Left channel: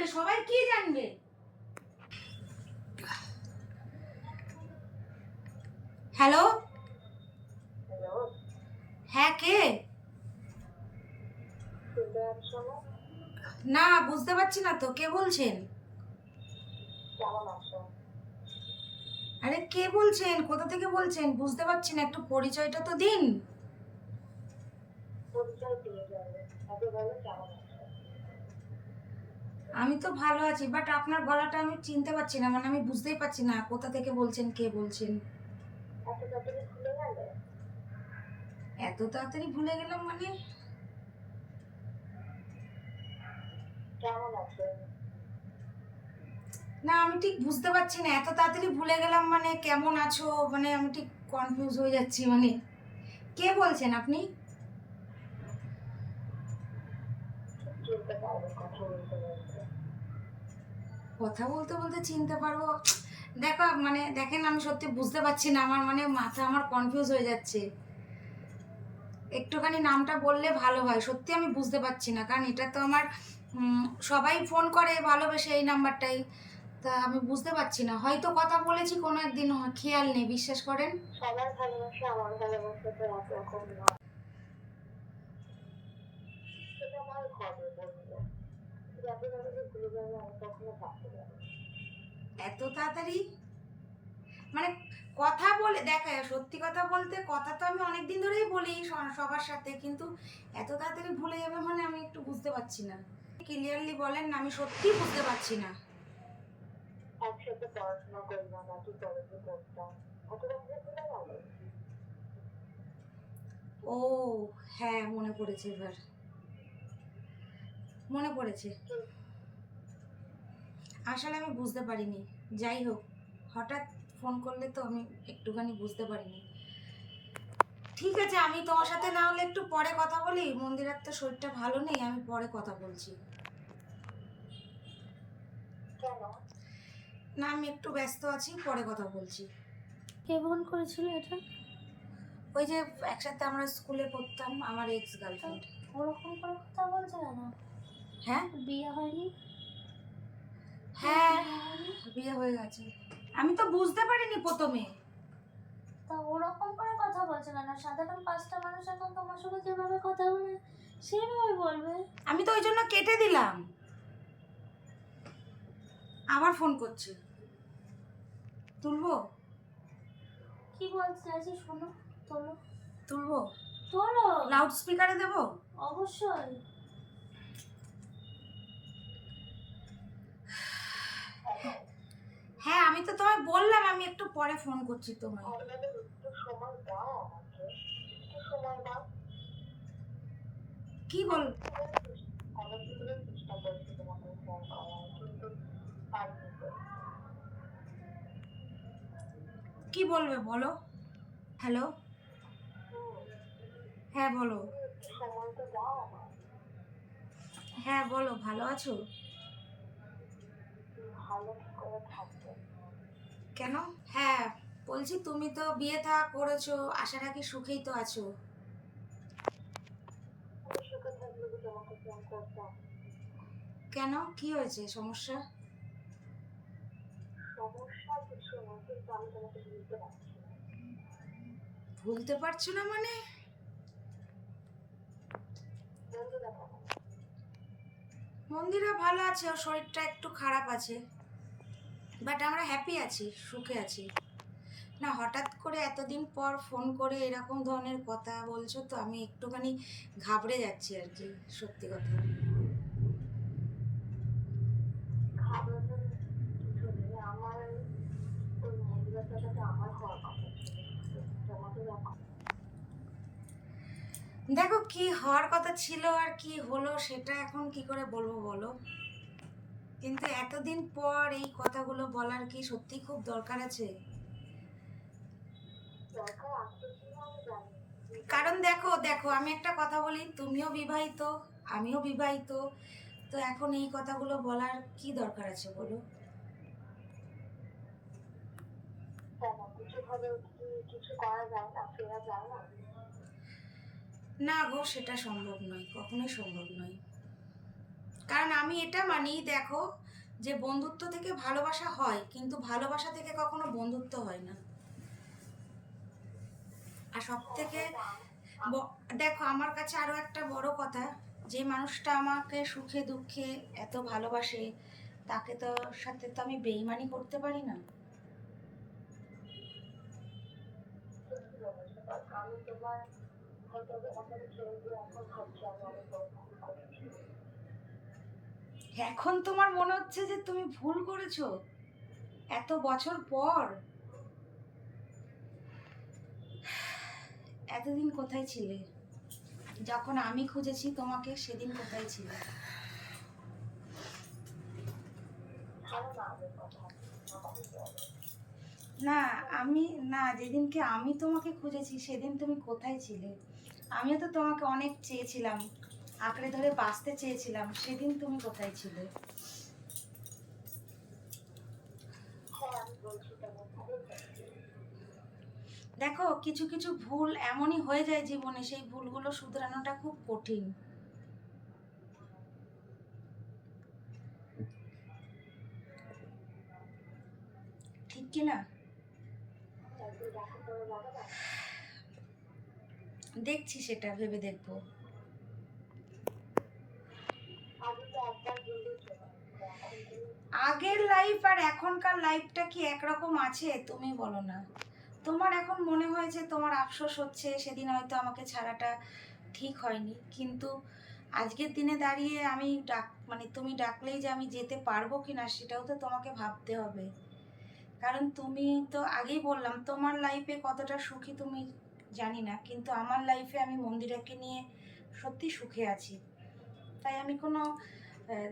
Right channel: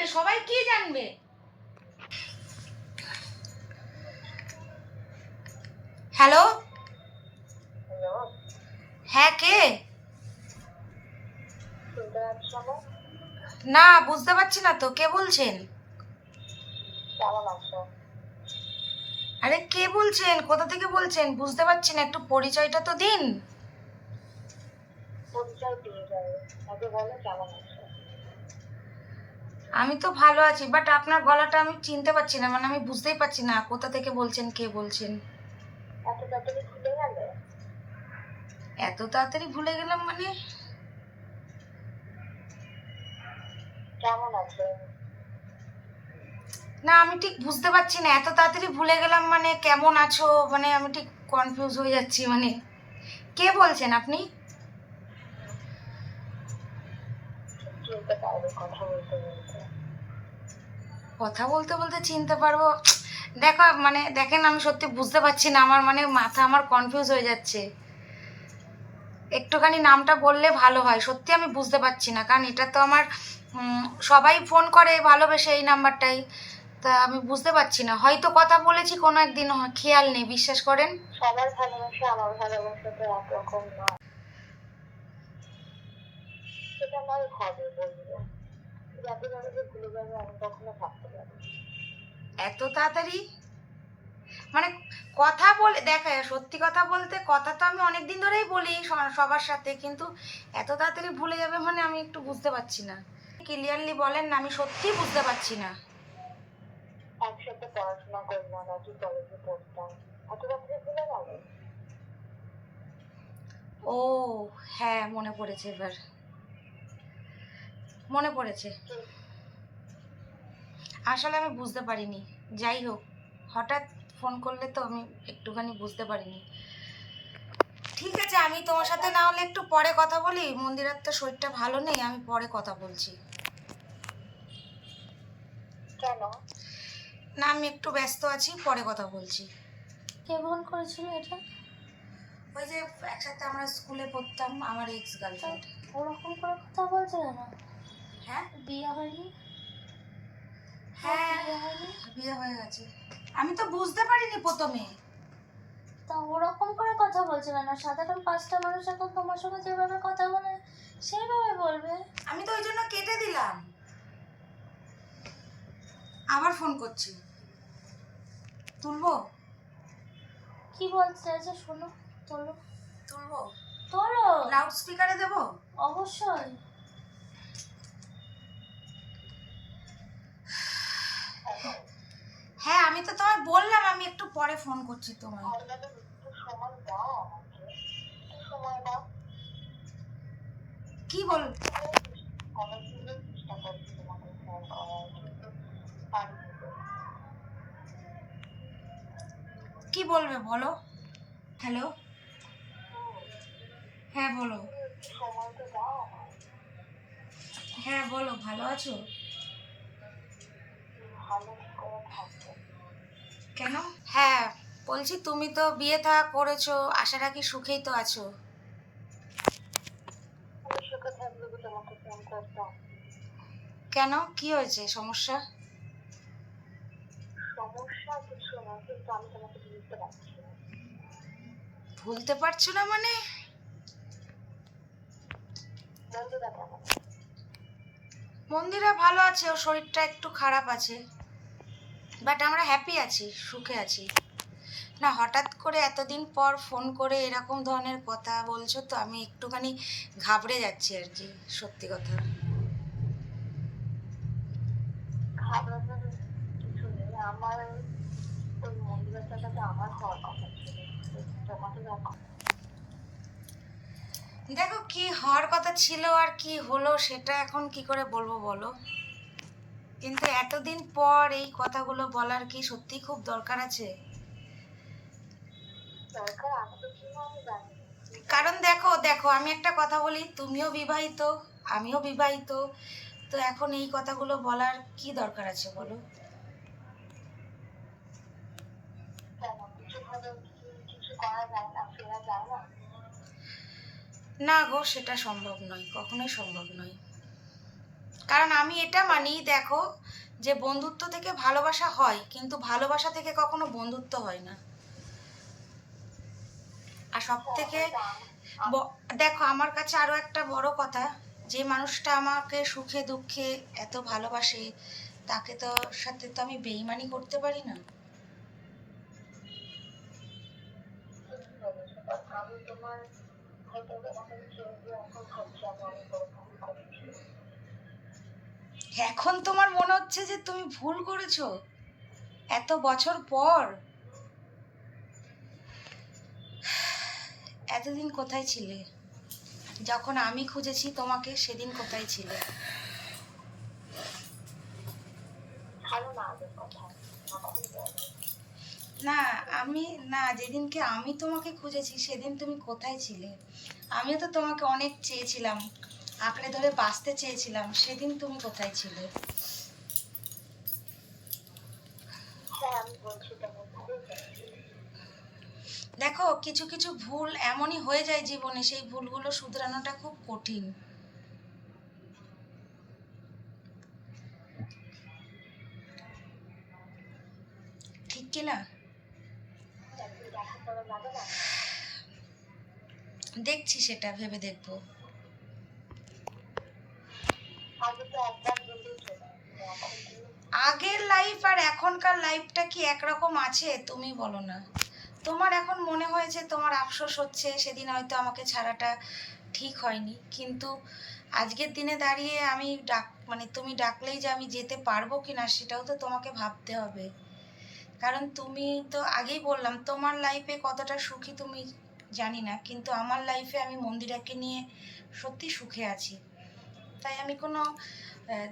জানবে, সবাই কি জানবে? হ্যালো, হ্যাঁ কে? না বুঝতে পারছি না তো, কে বলছেন? আরে কে বলছেন, কোথা থেকে বলছেন বুঝতে পারছি না, একটু পরিচয়টা তো দিন। আমি তো ভালো আছি, বাট আপনার গলাটা আমি চিনতে পারছি না, মানে আমি বুঝতেই পারছি না কোথা থেকে বলছেন, কে বলছেন। এত তাড়াতাড়ি ভুলে গেলাম মানে? না আমি ঠিক বুঝতে পারছি না, এত তাড়াতাড়ি ভুলে গেলাম মানে কেমন আছো, মানে আমি ঠিক কনফিউজ হয়ে যাচ্ছি, মানে কে বলছেন আপনি? কথা বলতে বলতে চিনতে পারবো? দেখো মানে দেখেন, আমি সত্যি বুঝতে পারছি না, আমার মানে মাথা আমার কনফিউজ হয়ে যাচ্ছে। একটুখানি নামটা বললে ভালো হয়, সত্যি আমি বুঝতে পারছি না, কারণ এটা তো আমার সবাই ফোন করে ভালোবেসে এই নাম্বারটাই। তা আমি বুঝতে পারছি না, হয়তো কথা বলেছি কোনো একদিন, খেয়াল নেই, বিশ্বাস করেন। সবার ভালোবাসা আমার ভালোবাসা তো একরকম নয়, সেটা নয় হবে বলবো, যাতে ভাবে যে ভুলে যাবে আমি কখনো ভাবতে পারি। এত তাড়াতাড়ি মানে কথা বলে দেখা, সত্যি কথা বলতে কথা তো আমি অনেক দিন ধরেই বলি সবার সাথে, কিন্তু এত তাড়াতাড়ি ভুলে যাবে মানে আমি একটু বুঝতে পারছি না। ক্লিয়ারলি বলেন না, আমি সত্যিই বুঝতে পারছি না। একসাথে পড়াশোনা করলাম, একই কলেজে পড়তাম, এত রাত্রে ভুলে গেল? ও হ্যাঁ, মনে পড়েছে, এবার মনে পড়েছে। আসলে আমি বুঝতে পারিনি, যাই হোক, হঠাৎ ফোন করলে তো আমি একটুখানি বুঝতে পারিনি। ঠিক আছে, আমি তোমার সাথে না হলে একটু পরে কথা বলি, মন্দিরের তো শরীরটা ভালো নেই, আমি পরে কথা বলছি। কেন? না আমি একটু ব্যস্ত আছি, পরে কথা বলছি। কে ফোন করেছিল এটা? ওই যে একসাথে আমরা স্কুলে পড়তাম, আমার এক্স গার্লফ্রেন্ড। ওরকম করে কথা বলছে কেন? হ্যাঁ বিয়ে হয়নি? হ্যাঁ, বিয়ে হয়নি? বিয়ে হয়ে গেছে। আমি তো বুঝতে পারিনি প্রথমে। তা ওরকম করে কথা বলছে কেন? সাধারণ পাঁচটা মানুষ এখন তোমার সঙ্গে যেভাবে কথা বলে সেইভাবে বলবে। আমি তো ওই জন্য কেটে দিলাম, আবার ফোন করছি, তুলবো? কি বলতে চাইছে শোনো, তোলো। তুলবো? তোলো। লাউড স্পিকারে দেবো? অবশ্যই। হ্যাঁ আমি তো তোমায় বললাম আমি একটু পরে ফোন করছি তোমায়। সময় দাও আমাকে, একটু সময় দাও। কি বল? অনেকদিন ধরে চেষ্টা করছি তোমাকে ফোন করার, কিন্তু পারিনি। কি বলবে বলো? হ্যালো, হ্যাঁ বলো। একটু সময় তো দাও আমার। হ্যাঁ বলো, ভালো আছো? ভালো কি করে থাকবো? কেন? হ্যাঁ বলছি, তুমি তো বিয়ে থা করেছো, আশা রাখি সুখেই তো আছো। আমি সুখে থাকলে কি তোমাকে ফোন করতাম? কেন, কি হয়েছে, সমস্যা? সমস্যা কিছু না, কিন্তু আমি তোমাকে বুঝতে পারছি না। ভুলতে পারছো না মানে? বন্ধুরা কেমন? মন্দিরা ভালো আছে, ওর শরীরটা একটু খারাপ আছে, বাট আমরা হ্যাপি আছি, সুখে আছি। না হঠাৎ করে এতদিন পর ফোন করে এরকম ধরনের কথা বলছো তো আমি একটুখানি ঘাবড়ে যাচ্ছি আর কি, সত্যি কথা। ঘাবড়ানোর কিছু নেই, আমার ওই মন্দিরের জায়গাটা আমার হওয়ার কথা ছিল, তোমাকে দেখো। দেখো কি হওয়ার কথা ছিল আর কি হলো সেটা এখন কি করে বলবো বলো, কিন্তু এতদিন পর এই কথাগুলো বলার কি সত্যি খুব দরকার আছে? দরকার আছে কিনা আমি জানি না। কারণ দেখো দেখো আমি একটা কথা বলি, তুমিও বিবাহিত, আমিও বিবাহিত, তো এখন এই কথাগুলো বলার কি দরকার আছে বলো? কেন কিছু ভাবে কি কিছু করা যায় না, ফেরা যায় না? না গো, সেটা সম্ভব নয়, কখনোই সম্ভব নয়। কারণ আমি এটা মানি, দেখো, যে বন্ধুত্ব থেকে ভালোবাসা হয়, কিন্তু ভালোবাসা থেকে কখনো বন্ধুত্ব হয় না। আর সব হ্যাঁ, থেকে এটা দেখো, আমার কাছে আরও একটা বড় কথা, যে মানুষটা আমাকে সুখে দুঃখে এত ভালোবাসে, তাকে তো সাথে তো আমি বেইমানি করতে পারি না। ঠিকই বলেছো, কারণ আমি তোমার হয়তো তোমাকে ছেড়ে দিয়ে এখন ভাবছি আমি অনেক বড় ভুল করেছি। এখন তোমার মনে হচ্ছে যে তুমি ভুল করেছো এত বছর পর? এতদিন কোথায় ছিলে? যখন আমি খুঁজেছি তোমাকে, সেদিন কোথায় ছিলে? ছাড়ো না আগের কথা, এখন বলো। না, আমি না, যেদিনকে আমি তোমাকে খুঁজেছি সেদিন তুমি কোথায় ছিলে? আমিও তো তোমাকে অনেক চেয়েছিলাম, আঁকড়ে ধরে বাঁচতে চেয়েছিলাম, সেদিন তুমি কোথায় ছিলে? হ্যাঁ, আমি বলছি তোমার ভুল হয়েছে। দেখো, কিছু কিছু ভুল এমনই হয়ে যায় জীবনে, সেই ভুলগুলো শুধরানোটা খুব কঠিন, ঠিক কি না? একদিন দেখা করা যাবে না? দেখছি, সেটা ভেবে দেখবো। আগে তো একবার বললেই চলে, এখন তুমি আগের লাইফ আর এখনকার লাইফটা কি একরকম আছে? তুমি বলো না। তোমার এখন মনে হয়েছে, তোমার আফসোস হচ্ছে সেদিন হয়তো আমাকে ছাড়াটা ঠিক হয়নি, কিন্তু আজকের দিনে দাঁড়িয়ে আমি মানে তুমি ডাকলেই যে আমি যেতে পারবো কি না, সেটাও তো তোমাকে ভাবতে হবে। কারণ তুমি তো আগেই বললাম, তোমার লাইফে কতটা সুখী তুমি জানি না, কিন্তু আমার লাইফে আমি মন্দিরাকে নিয়ে সত্যি সুখে আছি। তাই আমি কোনো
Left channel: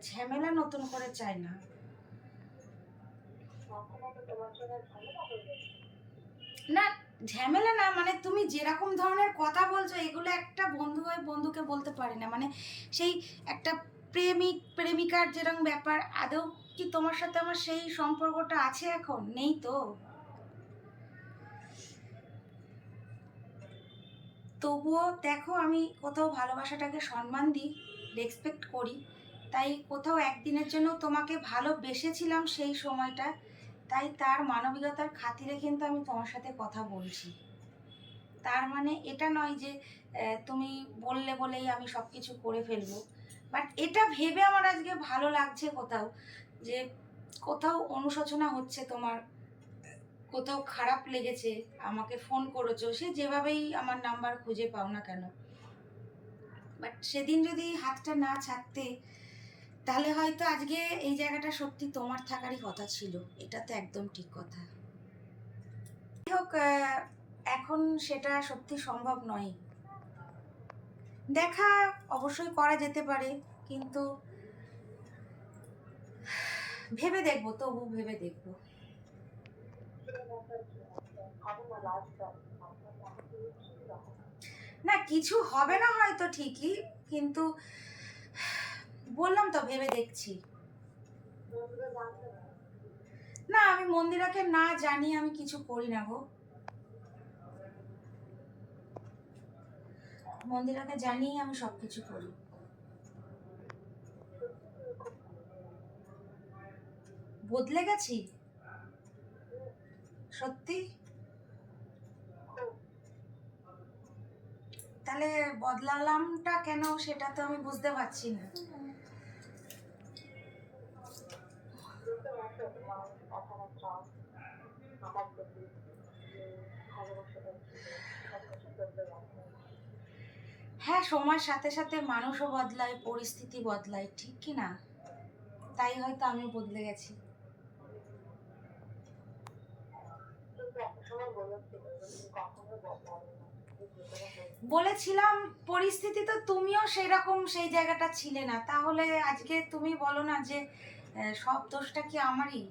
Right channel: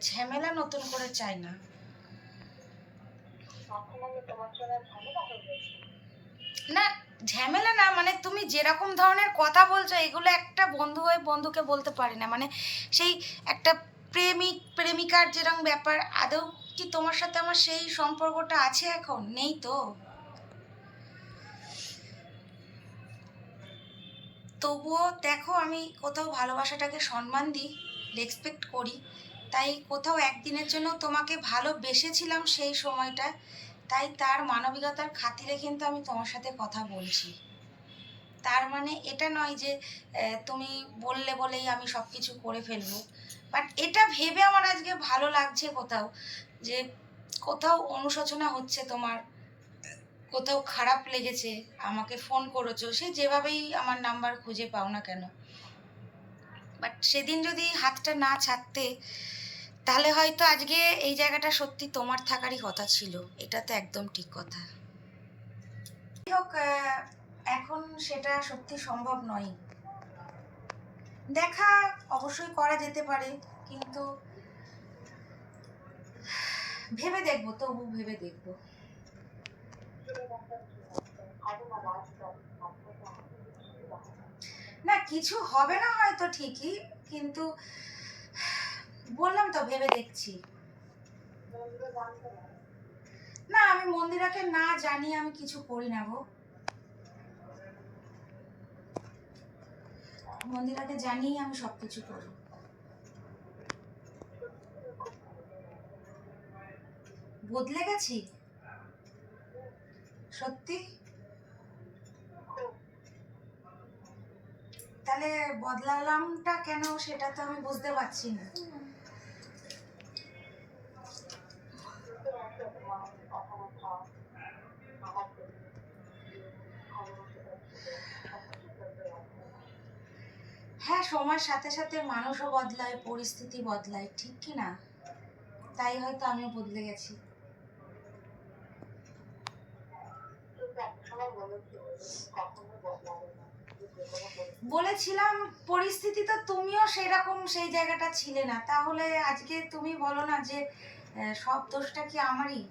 ঝামেলা নতুন করে চাই না। এখন আমি তোমার জন্য ঝামেলা হয়ে গেছি। না, ঝামেলা না, মানে তুমি যেরকম ধরনের কথা বলছো, এগুলো একটা বন্ধু হয়ে বন্ধুকে বলতে পারে না। মানে সেই একটা প্রেমিক প্রেমিকার যেরকম ব্যাপার, আদৌ কি তোমার সাথে আমার সেই সম্পর্কটা আছে? এখন নেই তো। তবুও দেখো, আমি কোথাও ভালোবাসাটাকে সম্মান দিই, রেসপেক্ট করি। তাই কোথাও একদিনের জন্য তোমাকে ভালোবেসেছিলাম সেই সময়টা, তাই তার মানবিকতার খাতিরে কিন্তু আমি তোমার সাথে কথা বলছি। তার মানে এটা নয় যে তুমি বললে বলেই আমি সব কিছু করে ফেলবো। বাট এটা ভেবে আমার আজকে ভালো লাগছে কোথাও, যে কোথাও অনুশোচনা হচ্ছে তোমার, কোথাও খারাপ লেগেছে, আমাকে ফোন করেছো, সে যেভাবেই আমার নাম্বার খুঁজে পাও না কেন। বাট সেদিন যদি হাতটা না ছাড়তে, তাহলে হয়তো আজকে এই জায়গাটা সত্যি তোমার থাকারই কথা ছিল। এটা তো একদম ঠিক কথা। যাই হোক, এখন সেটা সত্যি সম্ভব নয়। দেখা অবশ্যই করা যেতে পারে, কিন্তু ভেবে দেখবো, তবু ভেবে দেখবো। ছাড়ো না লাস্ট আপনার দেখা করে কিছু দেখা না। না, কিছু হবে না হয়তো ঠিকই, কিন্তু বললাম তো ভেবে দেখছি। বন্ধুরা জানতো না? না, আমি মন্দিরাকে না জানিয়ে আমি কিছু করি না গো। মন্দিরাকে জানিয়ে আমি সব কিছু করি। বদলে গেছি সত্যি? তাহলে বদলালামটা কেন, সেটা তো আমি বুঝতে পারছি না। বুঝতে পারছো তোমার কথাবার্তা আমার প্রতি যে ভালোবাসাটা ছিল, সবকিছু বলতে পারছো। হ্যাঁ, সময়ের সাথে সাথে মানুষও বদলায়, পরিস্থিতি বদলায়, ঠিক কি না? তাই হয়তো আমি বদলে গেছি। কিন্তু একটা সময় বলেছিলে যে তুমি কখনো বদলাবে না, যে যে কোনো পরিস্থিতি। বলেছিলাম, পরিস্থিতি তো তুমিও সেরকম সেই জায়গাটা ছিলে না, তাহলে আজকে তুমি বলো না যে সব দোষটা কি আমারই?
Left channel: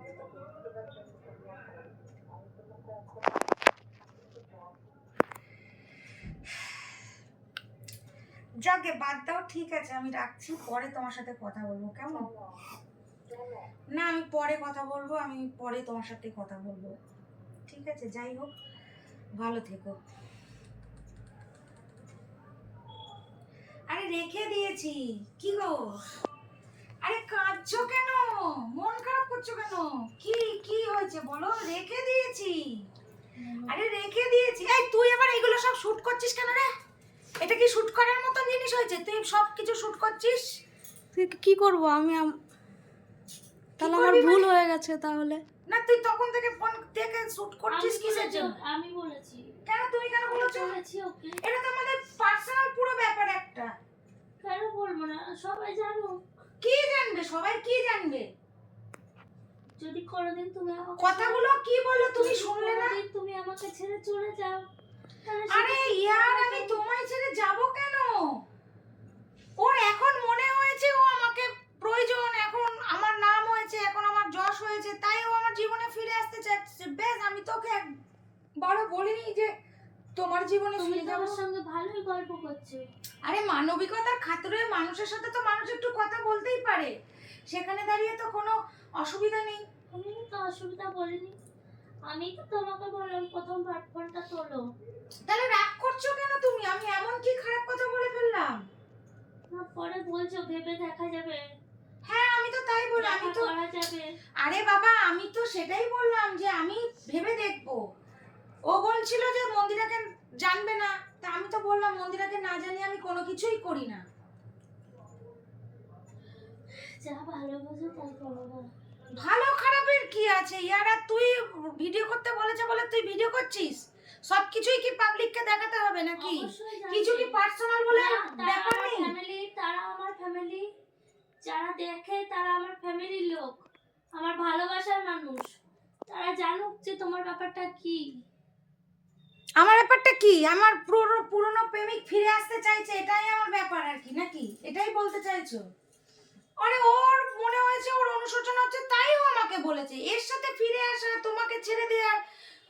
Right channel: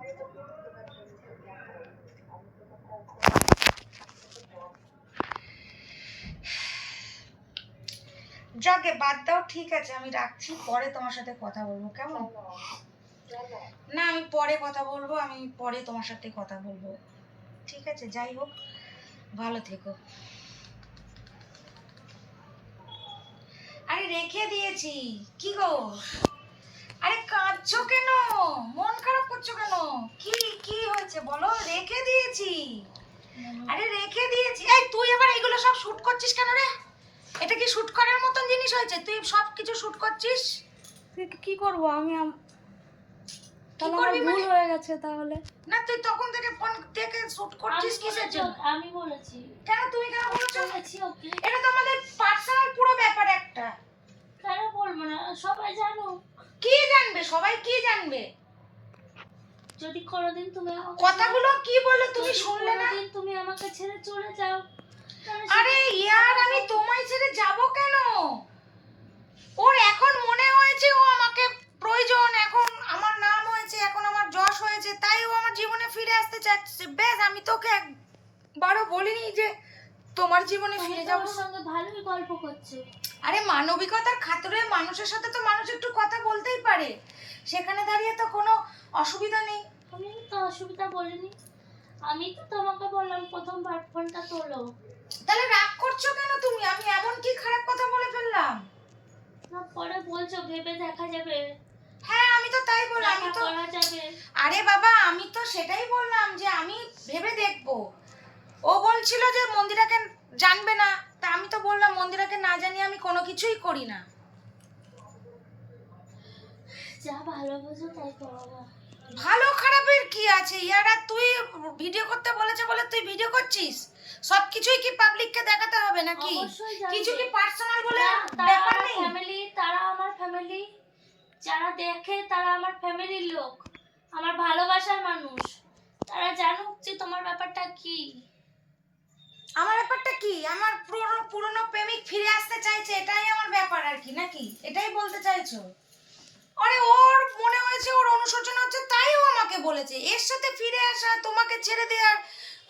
আমি তো বুঝতে পারছি আমি তোমার খারাপ করেছি, আমি তোমাকে এখন কিছু চাই। যাকে বাদ দাও, ঠিক আছে, আমি রাখছি, পরে তোমার সাথে কথা বলবো, কেমন? কেন? কেন? না, আমি পরে কথা বলবো, আমি পরে তোমার সাথে কথা বলবো, ঠিক আছে? যাই হোক, ভালো থেকো। আরে রেখে দিয়েছি। কি গো? আরে কাঁদছো কেন? মন খারাপ করছো কেন? কি কি হয়েছে বলো? রেখে দিয়েছি। আরে রেখে দিয়েছি। এই তুই আবার এগুলো সব শুট করছিস কেন রে? এটা কি শুট করার মতন জিনিস হয়েছে? তুই সব কিছু শুট করছিস? তুই কি করবো আমি তাহলে আমার করবি ভুল মানে? হয়ে গেছে তাহলে। না তুই তখন থেকে ফোন থেকে শুট করছিস কিসের জন্য? আমি বলেছি কেন তুমি কেন বলছো? বলেছি ওকে। এটা তো আমাদের পার্সোনাল পুরো ব্যাপার একটা। কেন বলবো না? সবাই জানো। কি জানবে? সবাই কি জানবে? যদি কোনোদিন তুমি আমাকে কথাগুলো কি বললো তুমি যদি শুনলে না? কোনোদিন তুমি আমাকে ছেড়ে চলে যাও তাহলে আরে ইয়ার আমি তোমায় ছেড়ে যাব কেন? ওর এখন মনে হয়েছে ও আমাকে প্রয়োজন, এখন আমার নাম হয়েছে, এখন আমার যশ হয়েছে, তাই ও আমার জীবনে ফিরে আসতে চাচ্ছে। বেশ, আমি তোকে একবারও বলিনি যে তোমার জীবনে তুমি ফিরে যাব। আমার সঙ্গে ভালোই গল্প করছো। আরে মানবিকতার খাতিরে মানুষের সাথে তো মানুষ একটু কথা বলতেই পারে, সেখানে দাঁড়িয়ে তো কোনো অসুবিধা নেই। আমি তো অসুবিধা বলিনি। আমি তো তোমাকে বললাম প্রথমবার ফোনটা তোলো। তাহলে রাগ করছো কেন তুমি? আমি এমন কি খারাপ কথা বলে ফেললাম? না পরে বলছো ভেবে দেখা যাবে, হ্যাঁ আমি তো তাই বললাম। আমি দেখা তো করা যাবে। আরে বাবা আমি তো সেটাই বললাম যে আমি ভেবে দেখবো। ও বলছিল যে মন্দিরাকে জানবে না, তা আমি তো বললাম মন্দিরাকে না জানিয়ে আমি কোনো কিছুই করি না। যা ভালো বোঝো তাই করো। ভালো খারাপের কি আছে ইয়ার? আর তুই ভিডিও করতে বলেছে বলে তুই ভিডিও করছিস? সব কিছুই কি পাবলিককে দেখাতে হবে নাকি? অবশ্যই জানবে। কিছু কি পার্সোনাল বলে না, তারা ব্যাপার আমার নেই? ফ্যামিলি, তারা আমার ফ্যামিলি, যারা দেখে তারা আমার ফ্যামিলির লোক, আমার ভালোবাসার মানুষ। তারা জানুক যে তোমার ব্যাপারটা কি। আমার ব্যাপারটা কি? আমার পুরনো প্রেমিক ফিরে আসতে চাইছে, এটাই আমার ব্যাপার আর কি, নাকি এটাই বলতে চাইছো? আরে ওর মনে হয়েছে, ওর অনুশোচনা হচ্ছে, তাই ও আমাকে বলেছে। এর সাথে ফিরে আসা, তোমাকে ছেড়ে দেওয়ার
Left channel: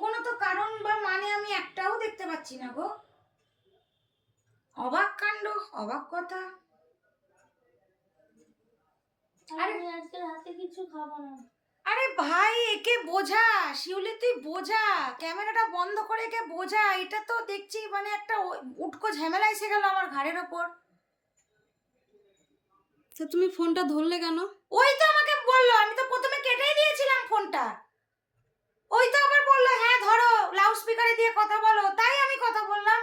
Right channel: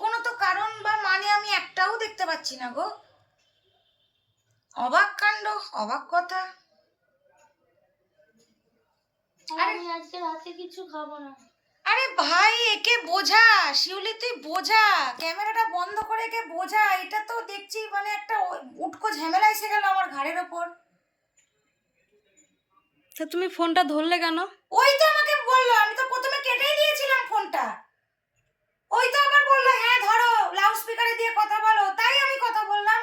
কোনো তো কারণ বা মানে আমি একটাও দেখতে পাচ্ছি না গো। অবাক কাণ্ড, অবাক কথা। আর আমি আজকে রাতে কিছু খাবো না। আরে ভাই একে বোঝা, শিউলি তুই বোঝা, ক্যামেরাটা বন্ধ করে একে বোঝা। এটা তো দেখছি মানে একটা উটকো ঝামেলা এসে গেল আমার ঘাড়ের ওপর। তা তুমি ফোনটা ধরলে কেন? ওই তো আমাকে বললো, আমি তো প্রথমে কেটেই দিয়েছিলাম ফোনটা। ওই তো আবার বললো হ্যাঁ ধরো, লাউড স্পিকারে দিয়ে কথা বলো, তাই আমি কথা বললাম।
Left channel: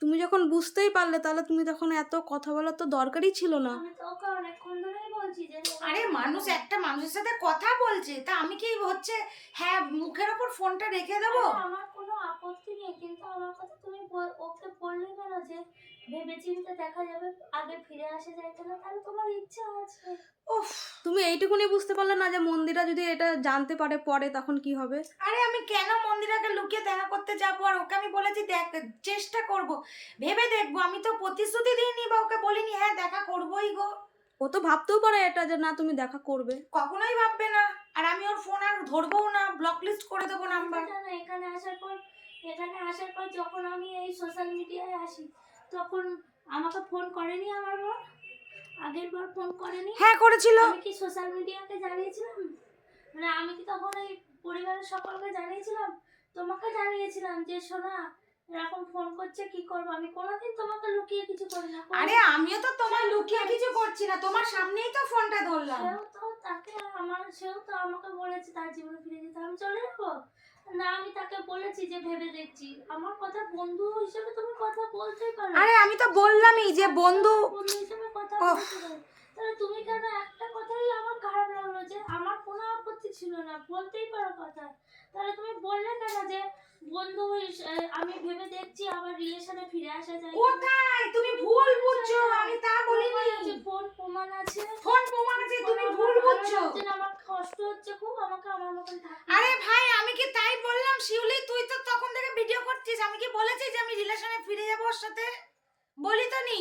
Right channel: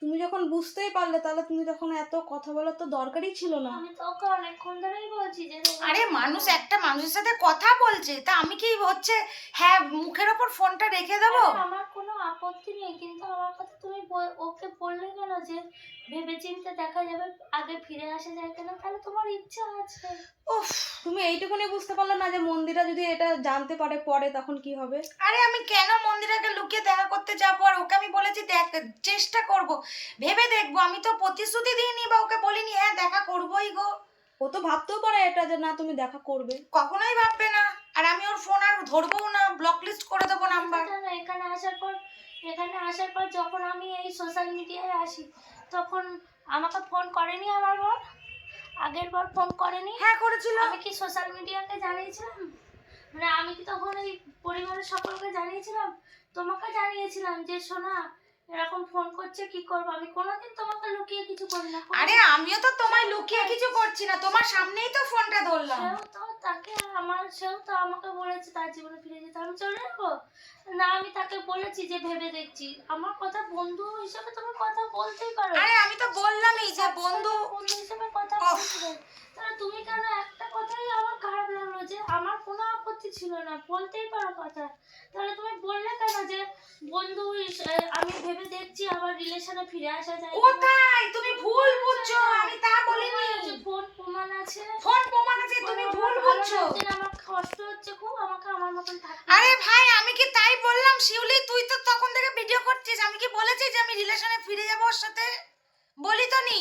তুমি যখন বুঝতেই পারলে তাহলে তুমি তখন এত কথা বলার তো দরকারই ছিল না। আমি তোকে অনেকক্ষণ ধরেই বলছি যে আরে মানুষ একটা মানুষের সাথে কথা বলছে, তা আমি কি হচ্ছে হ্যাঁ মুখের ওপর ফোনটা রেখে দেবো? আমার কোনো আপত্তি নেই, কিন্তু আমার কথা তুমি ওকে বললে কেন যে ভেবেচিন্তে দেখা যাবে, আগে ফিরে আসা যায় কেন? তাহলে তোমার ইচ্ছা আছে। উফ, তুমি এইটুকুনি বুঝতে পারলে না যে মন্দিরা যদি এটা জানতে পারে পরে তখন কি হবে? আরে আমি কেন মন্দিরাকে লুকিয়ে দেখা করতে যাবো? আর ওকে আমি বলেছি দেখ, চেষ্টা করব, ভেবে দেখবো। আমি তো প্রতিশ্রুতি দিইনি বা ওকে বলিনি হ্যাঁ দেখা করবোই গো। ও তো ভাবতেও পারে এটা যে না তুমি দেখা করবে। কখনোই ভাববে না। আর আমি ওর ফোন আর ধরবো না, ব্লক লিস্ট করে দেবো নাম্বার। জানো, এখানে আসার পর যখন আমি এই সোশ্যাল মিডিয়ায় আসি তখন আমাকে ফোন করেনি আমার বর? আগের বার ফোন করেনি? হ্যাঁ করেছিল। আমি কি সোশ্যাল মিডিয়াকে জানিয়েছিলাম? মানে আমি কি তখন এই পরিবারের সকলকে জানিয়েছিলাম? তোমাকে জানিয়েছিলাম যে সোনা এরকম ফোন করছে, কি করবো? আমি কোনোদিন তোমাকে লুকিয়ে কিছু করি না। আরে আমিও তো তোমায় লুকিয়ে কিছু করছি না, তোমার সামনেই তো ফোনটা ধরলাম। সেও তো আমাকে বলেছে তার জীবনে ফিরে যেতে, আমি চলে যাবো না? আমি তাকে বলেছি যে ভেবে দেখছি। আমার কথা বন্ধু হিসেবে তুমি কথা বলতেই পারো। আরে আমি তো বললামই যে বন্ধু হিসেবে কথা ওফ। বলতে পারো। তাহলে তুমি কেন একটা কথাই আমার খারাপ লাগলো যে আমার কোনো আপত্তি ছিল না, বলতেই পারো কথা। তাহলে তুমি বললে কেন যে বন্ধু আমি ভেবে দেখছি আবার রিলেশনে ফিরে আসা যায়? কোথায়? তুমি ভুল বুঝছো, আমি তা বলিনি। ফোন প্রমাণ আছে, ফোন প্রমাণ আছে, তুমি ভুল বুঝছো। আমার কষ্ট হচ্ছে খুব, আমাকে আমার মতন থাকতে। আরে ভাই আমি কি তাই বললাম? শিউলি তুই তো তখন থেকে ভিডিও করছিস, আমি কি বলেছি যে আমি রিলেশনে ফিরে যাবো ওর সাথে? বলি তো নি।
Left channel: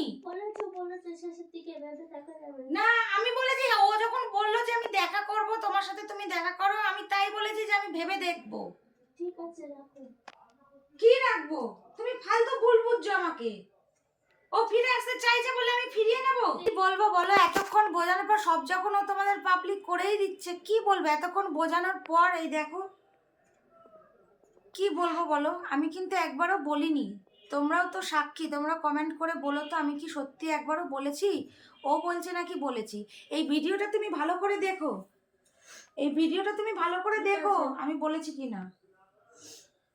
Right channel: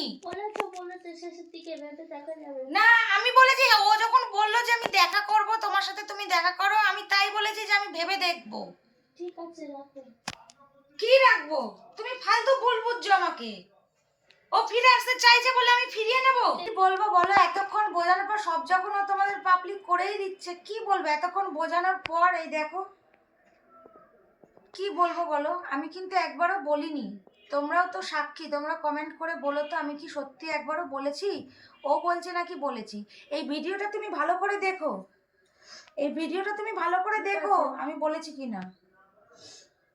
বলেছে শেষের দিকে ভেবে দেখা যাবে। না আমি বলেছি হ্যাঁ, ও যখন বললো যে আমি দেখা করব তোমার সাথে, তুমি দেখা করো, আমি তাই বলেছি যে আমি ভেবে দেখবো। ঠিক আছে রাখো। কি রাখবো? তুমি ফালতু ভুল বুঝছো আমাকে। ও ফিরে আসতে চাইছে বলে আমি ফিরিয়ে নেব? কি বলবো বলো? এতক্ষণ বোঝানোর পর সব যখন ও তোমাদের পাবলিক করেই দিচ্ছে, কি বলবো? এতক্ষণ বোঝানোর পর এই দেখো। কি বলবো বলো? আমি কিন্তু একবারও বলিনি তোমরাও তো সাক্ষী, তোমরা কমেন্ট করে বলো তো আমি কি সত্যি একবারও বলেছি? ও বলছে নাকি বলেছি? এই ভিডিওটা তুমি ভালো করে দেখো, এই ভিডিওটা তুমি ভালো করে দেখো আমি বলেছি কি না।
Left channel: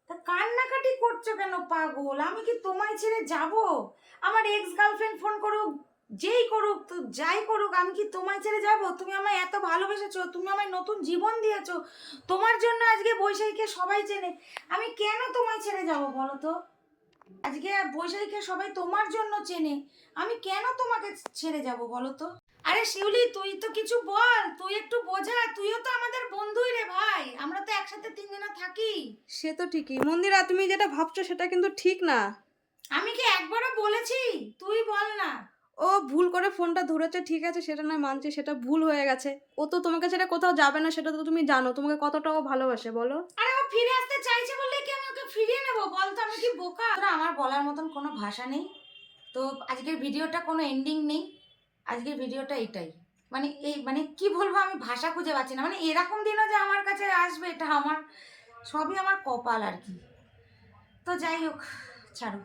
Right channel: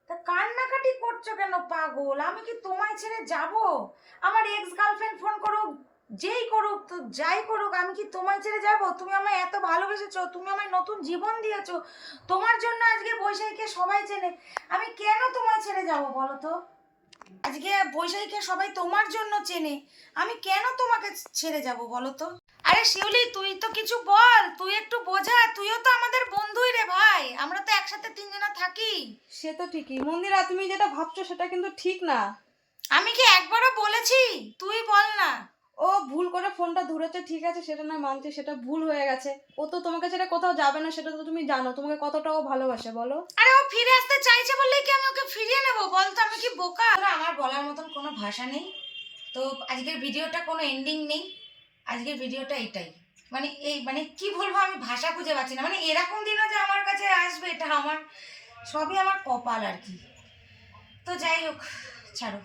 তা কান্নাকাটি করছো কেন পাগল? আমি কি তোমায় ছেড়ে যাব? আমার এক্স গার্লফ্রেন্ড ফোন করুক, যেই করুক, তো যাই করুক, আমি কি তোমায় ছেড়ে যাব? তুমি আমায় এত ভালোবেসেছো, তুমি আমায় নতুন জীবন দিয়েছো, তোমার জন্য আজকে বৈশাখীকে সবাই চেনে, আমি কেন তোমায় ছেড়ে যাব বলো তো? আজকে বৈশাখীকে সবাই তোমার জন্য চেনে, আমি কেন তোমাকে ছেড়ে যাব বলো তো? আরে শিউলি, তুই তো কিছু বল, তুই একটু বোঝা, তুইও তো আমাদের বন্ধুই রে ভাই, আমরা তো একসাথে তিনজনা থাকি। সে তো ঠিকই মন্দিরা, তুমি যেটা ভাবছো সেটা কিন্তু ঠিক না। আমি কি একবারও বলেছি? তুই বল না। ও ভুল করে ফোনটা ধরেছে, ঠিক আছে, সেটা নয় মানছি, সেটা ভুল হয়ে গেছে। ও তো তোমাকে ছেড়ে কোথাও যাবে না, সেটা তো তুমি জানো। তোমাকে কতটা ও ভালোবাসে বলো। আরে ও ফিরে আসতে চাইছে বললেই কি আমি ওকে ফিরিয়ে নেব? বল তো, আমি কি বোকা? আমার বলার মতন কোনো ভাষা নেই। তো আজকের ভিডিওটা কোনো এন্ডিং নেই, আজকের ভিডিওটা এটাই। মানে এই মানে কি বলবো, আমি ভাষা খুঁজে পাচ্ছি না। মানে এরকম দিনও যে আমার কাছে আসবে, এটা আমার সবই আমার কপাল আর কি। তো যাই হোক, ছাড়ো।